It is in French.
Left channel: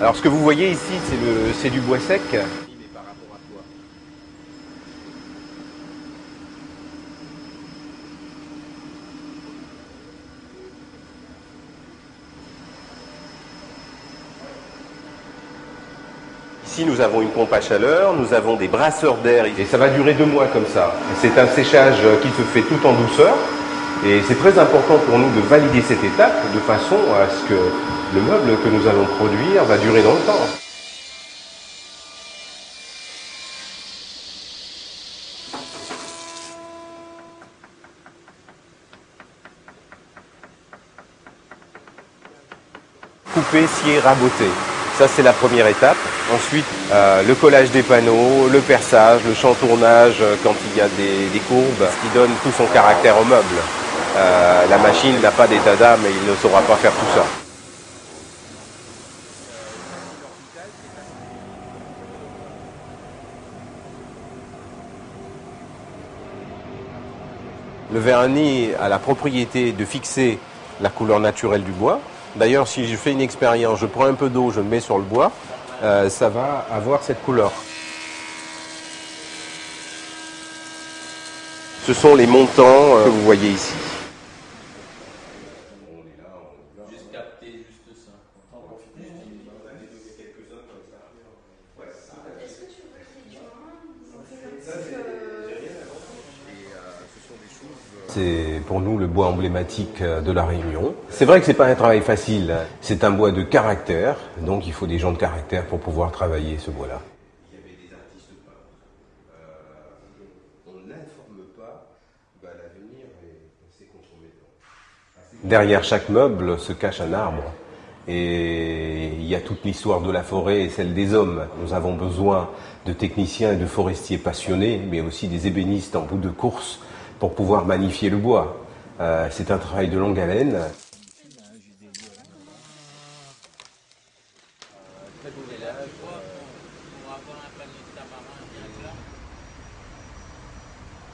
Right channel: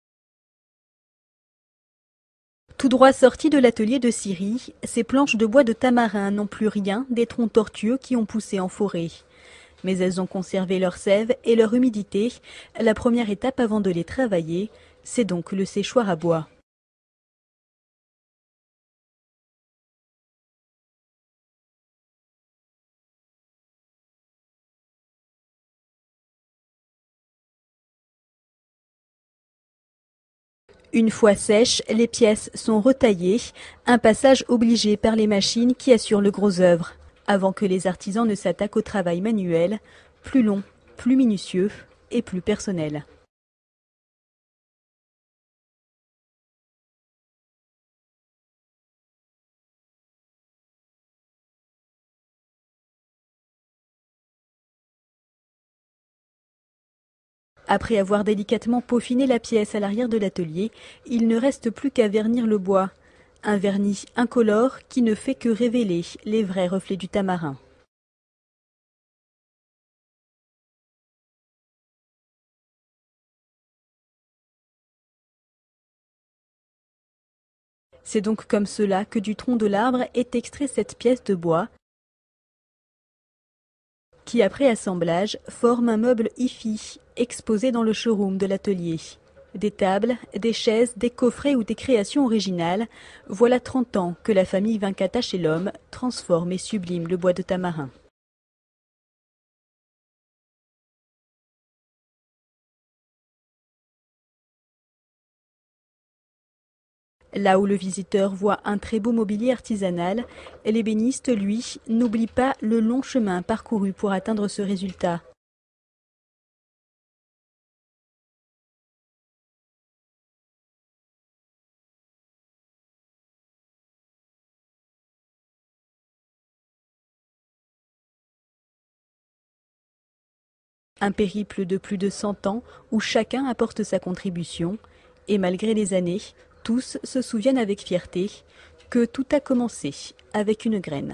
Alors ce que vous voyez ici, c'est du bois sec. Tout droit sorti de l'atelier de scierie, ces planches de bois de tamarin n'ont plus rien des troncs tortueux qui ont poussé en forêt. Mais elles ont conservé leur sève et leur humidité. La première étape avant de les travailler, c'est donc le séchoir à bois. Ici nous avons une pompe à chaleur, nous avons des brasseurs d'air et ça va durer 2 mois comme ça. C'est un séchage qui se fait tout en douceur et c'est très important pour nous de valider cette étape de façon à ce que le meuble que nous allons produire va durer dans le temps. Une fois sèches, les pièces sont retaillées, un passage obligé par les machines qui assurent le gros œuvre, avant que les artisans ne s'attaquent au travail manuel, plus long, plus minutieux et plus personnel. Couper, scier, raboter. Ça, c'est la première étape. Ensuite, le collage des panneaux, le perçage, le chantournage quand il y a des courbes, ce qui donne tout son caractère au meuble. La machine n'a pas d'état d'âme et il ne saura pas faire tout ça. Après avoir délicatement peaufiné la pièce à l'arrière de l'atelier, il ne reste plus qu'à vernir le bois. Un vernis incolore qui ne fait que révéler les vrais reflets du tamarin. Le vernis a la propriété de fixer la couleur naturelle du bois. D'ailleurs, si je fais une expérience, je prends un peu d'eau, je le mets sur le bois, ça va avoir cette couleur. C'est donc comme cela que du tronc de l'arbre est extrait cette pièce de bois. Ce sont les montants que vous voyez ici. Qui, après assemblage, forme un meuble hi-fi, exposé dans le showroom de l'atelier. Des tables, des chaises, des coffrets ou des créations originales. Voilà 30 ans que la famille Vincata chez l'homme transforme et sublime le bois de tamarin. C'est pour nous le bois emblématique de la Réunion. C'est vrai que c'est pas un travail facile. C'est un bois de caractère, donc il faut des gens de caractère pour pouvoir travailler ce bois-là. Là où le visiteur voit un très beau mobilier artisanal, l'ébéniste, lui, n'oublie pas le long chemin parcouru pour atteindre ce résultat. Derrière chaque meuble se cache un arbre. Et il y a toute l'histoire de la forêt et celle des hommes. Nous avons besoin de techniciens et de forestiers passionnés, mais aussi des ébénistes en bout de course pour pouvoir magnifier le bois. C'est un travail de longue haleine. Un périple de plus de 100 ans où chacun apporte sa contribution. Et malgré les années, tous se souviennent avec fierté que tout a commencé avec une graine.